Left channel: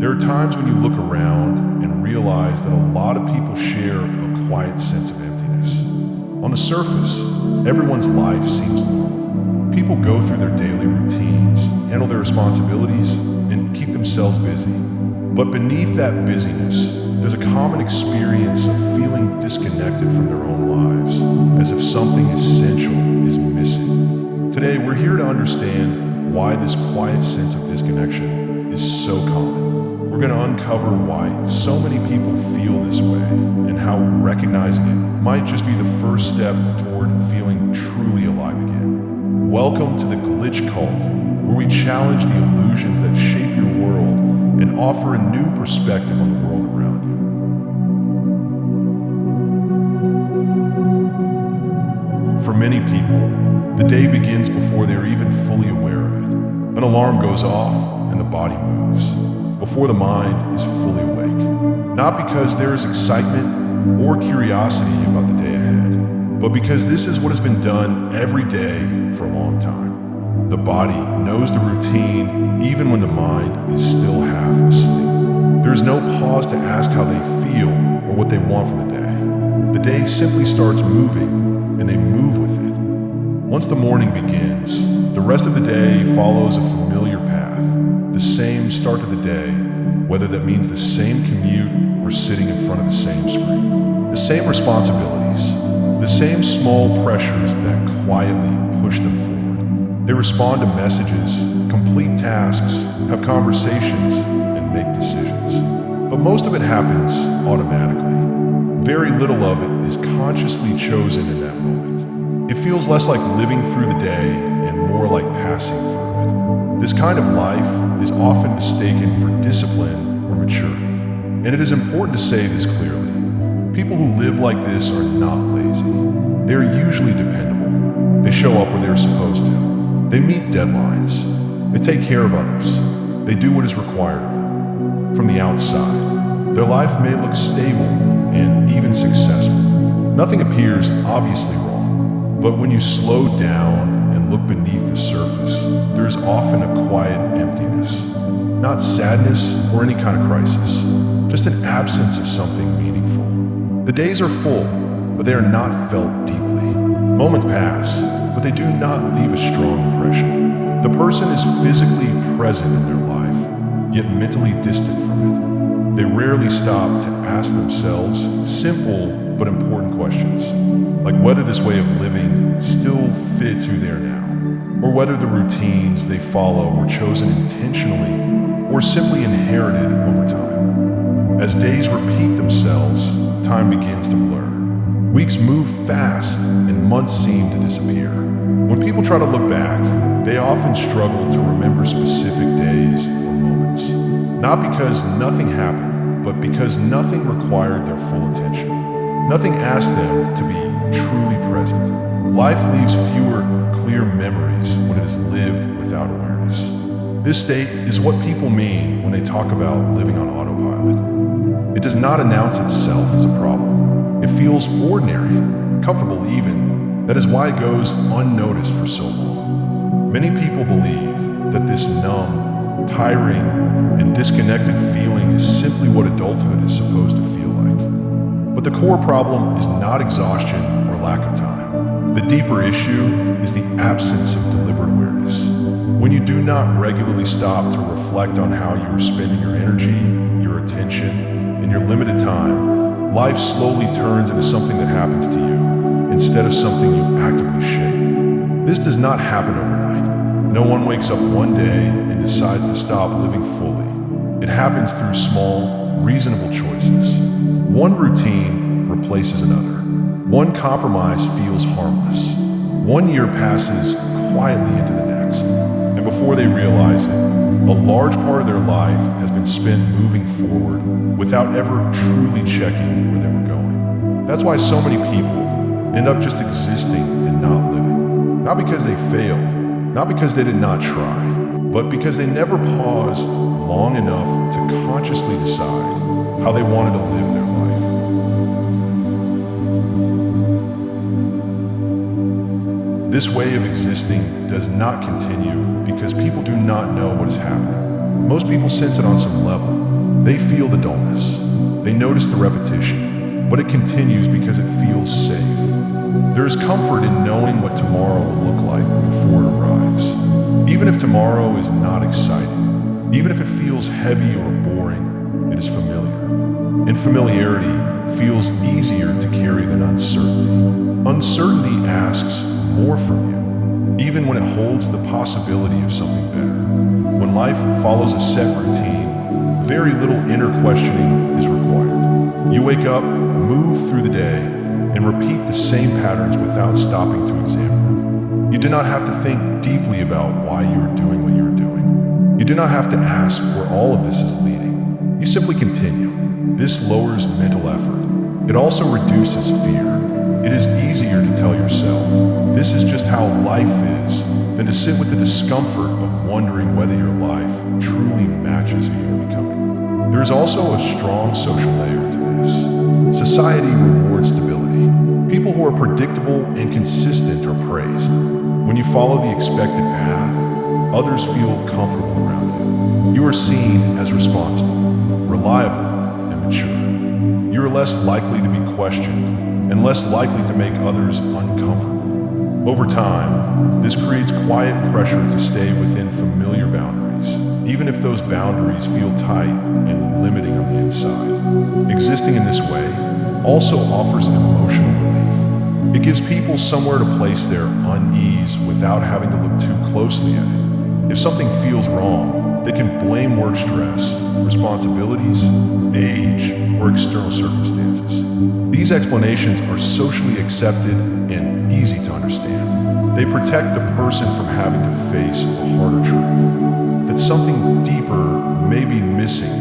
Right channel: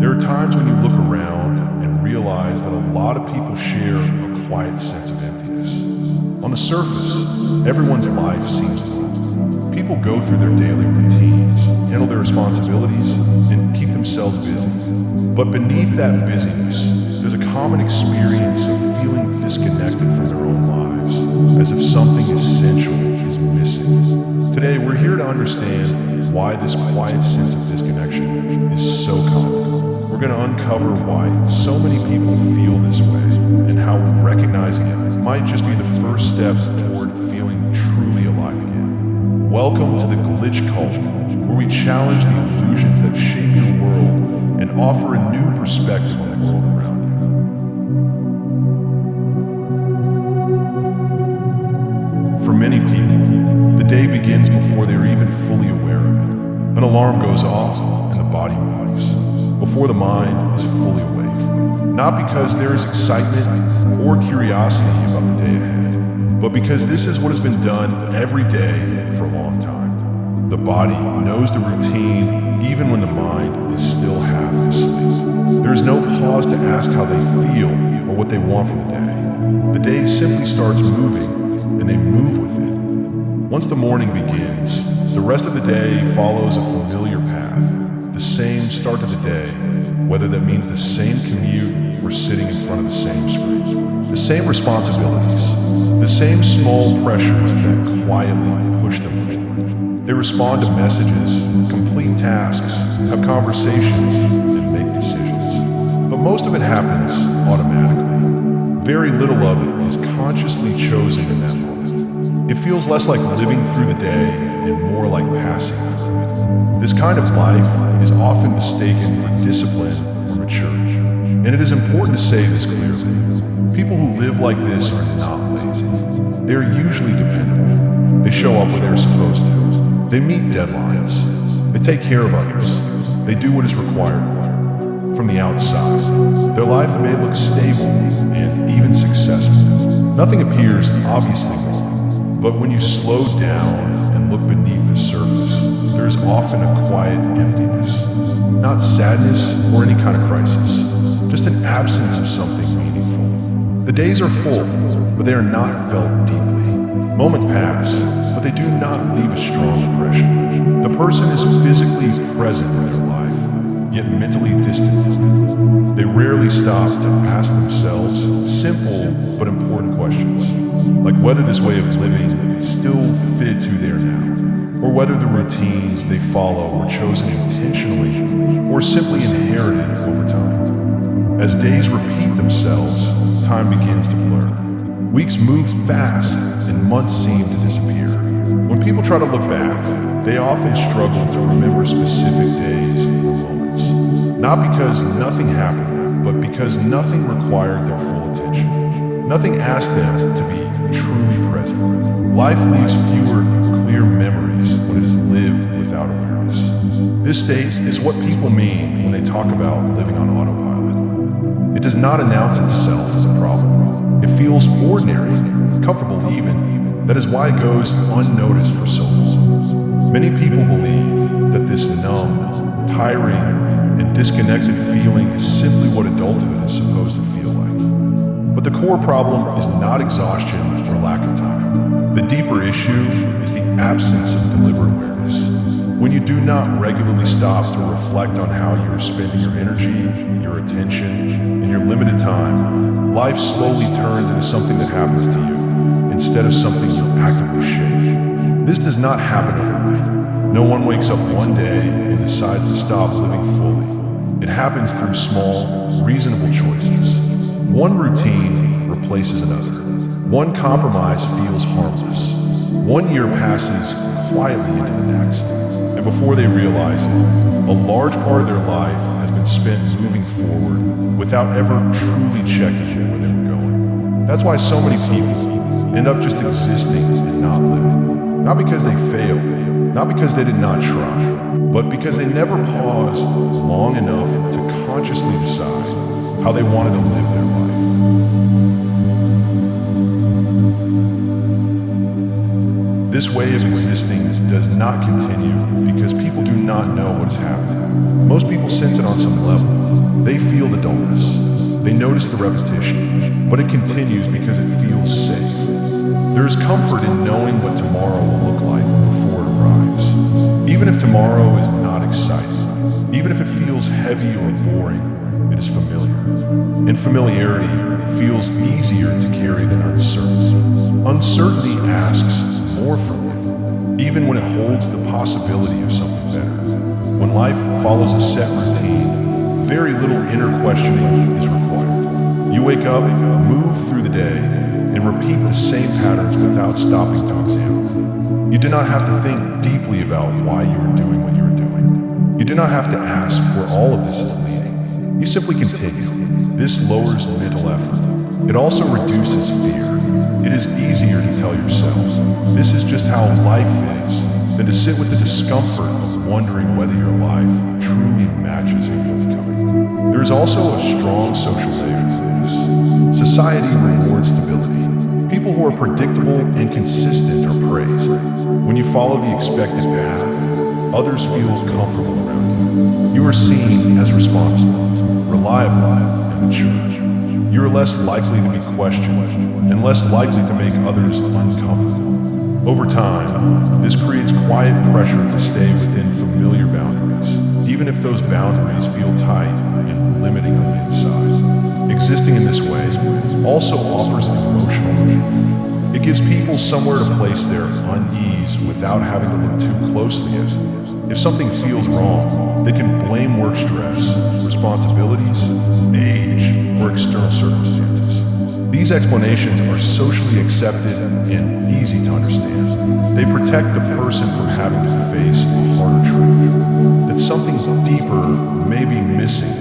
There are times when you look around and realize that a lot of people share a quiet sense of emptiness. On the surface, everyone's life seems normal. People go through their daily routines, handle their responsibilities, and keep themselves busy. But beneath that busyness, there's a common experience of feeling disconnected from their own lives, as if something essential is missing. Today, we're here to understand why this quiet sense of disconnection is so common. We're going to uncover why so many people feel this way and how recognizing it might just be the first step toward feeling truly alive again. Welcome to the Glitch Cult, where we challenge the illusions that shape your world and offer a new perspective on the world around you. For many people, the day begins before they're even fully aware of it. An alarm goes off and the body moves, before the mind is fully awake. Not because there is excitement or curiosity about the day ahead, but because this is what has been done every day for a long time. The body knows the routine even when the mind is still half asleep. There is no pause to ask how they feel or what they want from the day. The day simply starts moving and they move with it. Once the morning begins, the rest of the day follows a familiar path, the same start to the day, whether that means the same commute or sitting in front of the same screen. The same responsibilities, the same small pressures that quietly push them forward. They respond to messages, complete tasks, have conversations, and make decisions. But most of it happens automatically. Very little of it is consciously chosen in that moment. It feels less like living through the day and more like passing through it. This kind of life is often mistaken for discipline or maturity. And it is important to say this clearly. People who live like this are not lazy. They are usually dependable. They show up when they are supposed to. They meet deadlines. They take care of others. They do what is required of them. From the outside, their life may look stable and even successful. Nothing appears obviously wrong. But when you slow down and look beneath the surface, there is often a quiet emptiness. Not sadness or any kind of crisis, just an absence of something meaningful. The days are full, but they are not felt deeply. Moments pass, but they do not leave a strong impression. The person is physically present in their life, yet mentally distant from it. They rarely stop to ask themselves simple but important questions, like whether this way of living still fits who they are now, or whether the routines they follow were chosen intentionally or simply inherited over time. As days repeat themselves, time begins to blur. Weeks move fast and months seem to disappear. When people try to look back, they often struggle to remember specific days or moments. Not because nothing happened, but because nothing required their full attention. Nothing asked them to be truly present. Life leaves fewer clear memories when it is lived without awareness. This state is what people mean when they talk about living on autopilot. It does not announce itself as a problem. It feels ordinary, comfortable even. That is why it goes unnoticed for so long. Many people believe that this numb, tiring, and disconnected feeling is simply what adulthood is supposed to feel like. But the core problem is not exhaustion or lack of time. The deeper issue is the absence of deliberate awareness. When you do not regularly stop to reflect on how you are spending your energy, your attention, and your limited time, life slowly turns into something that happens to you instead of something you actively shape. This does not happen overnight. No one wakes up one day and decides to stop living fully. It happens through small, reasonable choices. One routine replaces another. One compromise feels harmless. 1 year passes quietly into the next. And before they realize it, a large part of their life has been spent moving forward without ever truly checking where they were going. That's why so many people end up just existing and not living. Not because they failed, not because they did not try, but because they never paused long enough to consciously decide how they wanted to live their life. This way of existing does not continue because people do not know what is happening. Most people sense it on some level, They feel the dullness. They notice the repetition, but it continues because it feels safe. There is comfort in knowing what tomorrow will look like before it arrives. Even if tomorrow is not exciting, even if it feels heavy or boring, it is familiar. And familiarity feels easier to carry than uncertainty. Uncertainty asks more from you, even when it holds the possibility of something better. When life follows a set routine, very little inner questioning is required. You wake up, move through the day, and repeat the same patterns without stopping to examine them. You do not have to think deeply about why you are doing what you are doing. You do not have to ask where all of this is leading. You simply continue. This lowers mental effort. It also reduces fear. It is easier to tell yourself, this is just how life is, than to sit with the discomfort of wondering whether your life truly matches who you are becoming. There is also a strong social layer to this. Society rewards stability. People who are predictable and consistent are praised. When you follow the expected path, others feel comfortable around you. You are seen as responsible, reliable, and mature. You are less likely to be questioned and less likely to make others uncomfortable. Over time, this creates quiet pressure to stay within familiar boundaries, even if those boundaries feel tight and limiting on the inside. Existing in this way also offers emotional relief. It gives people somewhere to place their unease without having to look too closely at it. If something feels wrong, they can blame work stress, responsibilities, age, or external circumstances. These explanations are socially accepted and easy to understand. They protect the person from having to face a harder truth, that something deeper may be missing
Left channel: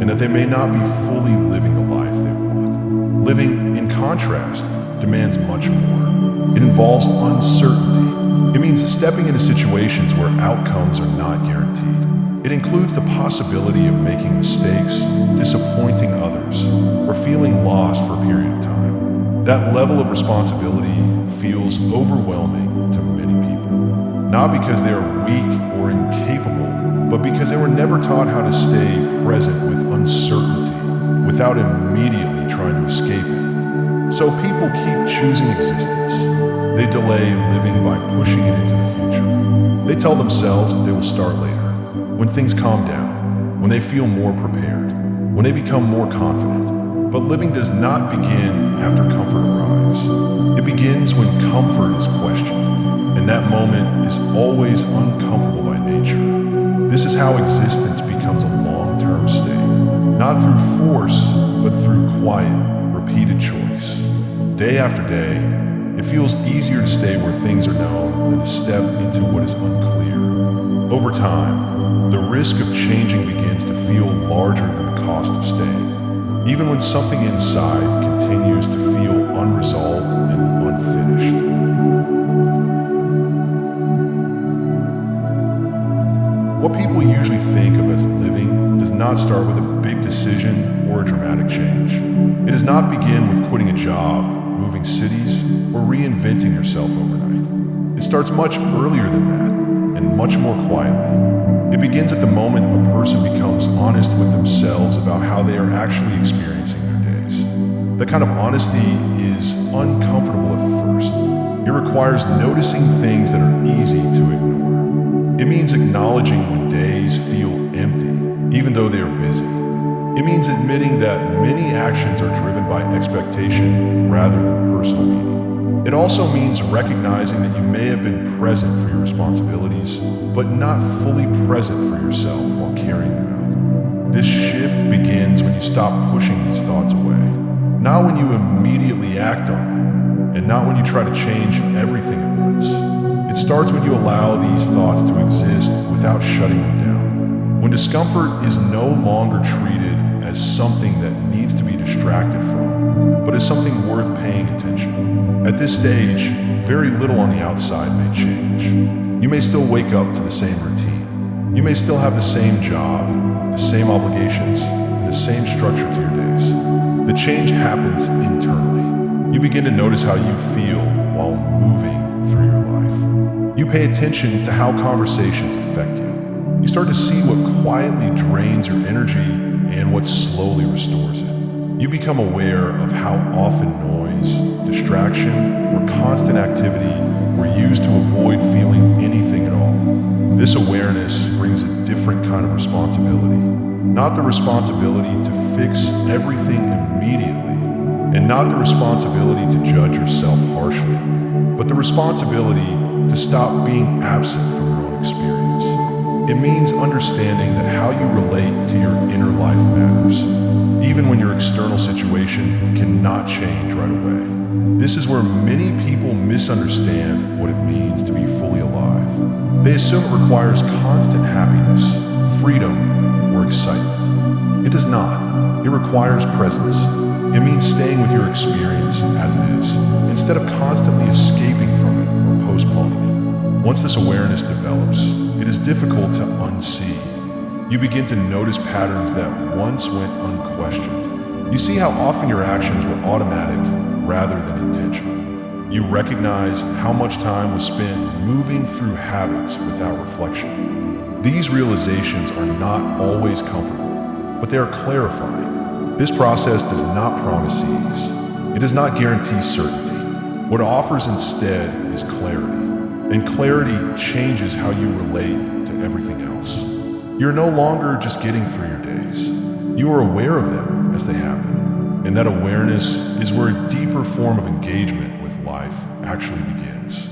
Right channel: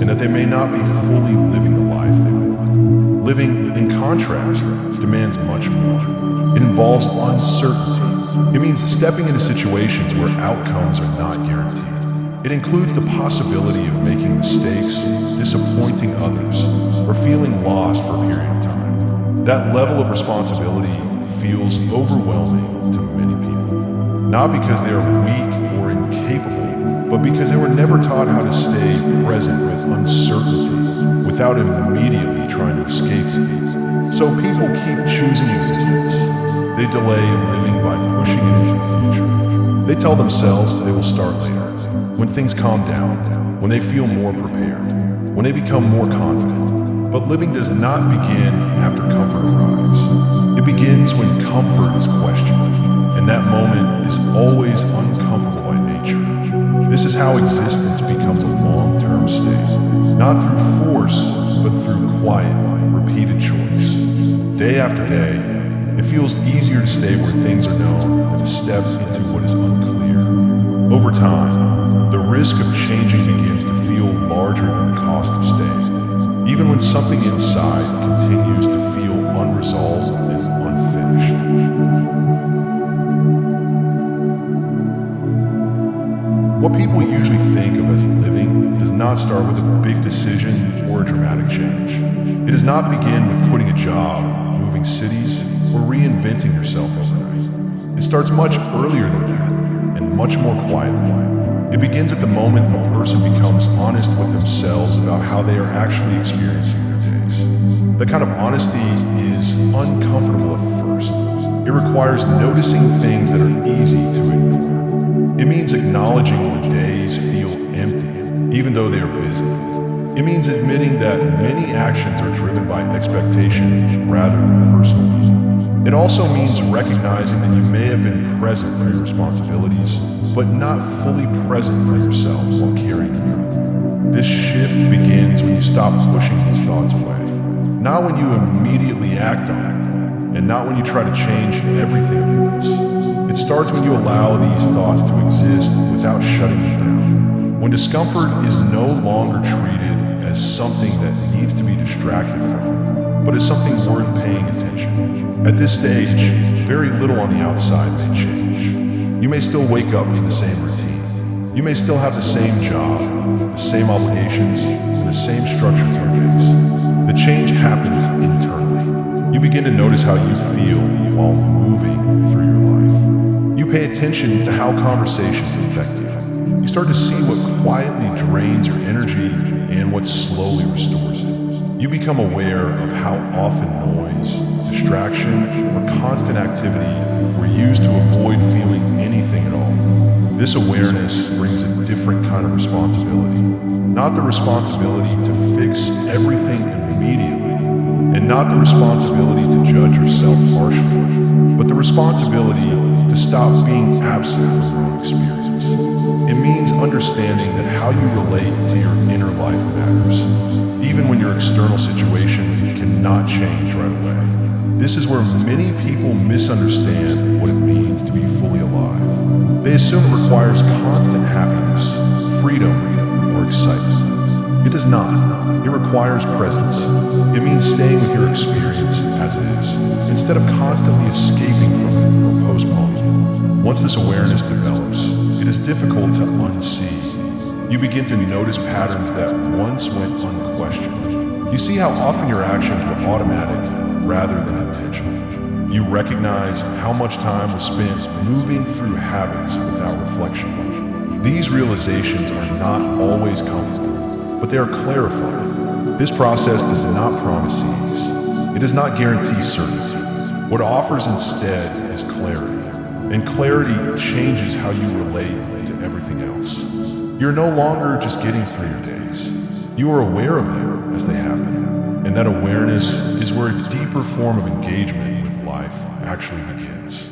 and that they may not be fully living the life they want. Living, in contrast, demands much more. It involves uncertainty. It means stepping into situations where outcomes are not guaranteed. It includes the possibility of making mistakes, disappointing others, or feeling lost for a period of time. That level of responsibility feels overwhelming to many people, not because they are weak or incapable, but because they were never taught how to stay present with uncertainty without immediately trying to escape it. So people keep choosing existence. They delay living by pushing it into the future. They tell themselves they will start later, when things calm down, when they feel more prepared, when they become more confident. But living does not begin after comfort arrives. It begins when comfort is questioned, and that moment is always uncomfortable by nature. This is how existence becomes a long-term state, not through force, but through quiet, repeated choice. Day after day, it feels easier to stay where things are known than to step into what is unclear. Over time, the risk of changing begins to feel larger than the cost of staying, even when something inside continues to feel unresolved and unfinished. What people usually think of as living does not start with a big decision or a dramatic change. It does not begin with quitting a job, moving cities, or reinventing yourself overnight. It starts much earlier than that, and much more quietly. It begins at the moment a person becomes honest with themselves about how they are actually experiencing their days. That kind of honesty is uncomfortable at first. It requires noticing things that are easy to ignore. It means acknowledging when days feel empty, even though they are busy. It means admitting that many actions are driven by expectation rather than personal meaning. It also means recognizing that you may have been present for your responsibilities, but not fully present for yourself while carrying them out. This shift begins when you stop pushing these thoughts away, not when you immediately act on it, and not when you try to change everything at once. It starts when you allow these thoughts to exist without shutting them down. When discomfort is no longer treated as something that needs to be distracted from, but as something worth paying attention. At this stage, very little on the outside may change. You may still wake up to the same routine. You may still have the same job, the same obligations, and the same structure to your days. The change happens internally. You begin to notice how you feel while moving through your life. You pay attention to how conversations affect you. You start to see what quietly drains your energy and what slowly restores it. You become aware of how often noise, distraction, or constant activity were used to avoid feeling anything at all. This awareness brings a different kind of responsibility. Not the responsibility to fix everything immediately, and not the responsibility to judge yourself harshly, but the responsibility to stop being absent from your own experience. It means understanding that how you relate to your inner life matters, even when your external situation cannot change right away. This is where many people misunderstand what it means to be fully alive. They assume it requires constant happiness, freedom, or excitement. It does not. It requires presence. It means staying with your experience as it is, instead of constantly escaping from it or postponing it. Once this awareness develops, it is difficult to unsee. You begin to notice patterns that once went unquestioned. You see how often your actions were automatic rather than intentional. You recognize how much time was spent moving through habits without reflection. These realizations are not always comfortable, but they are clarifying. This process does not promise ease. It does not guarantee certainty. What it offers instead is clarity, and clarity changes how you relate to everything else. You're no longer just getting through your days. You are aware of them as they happen, and that awareness is where a deeper form of engagement with life actually begins.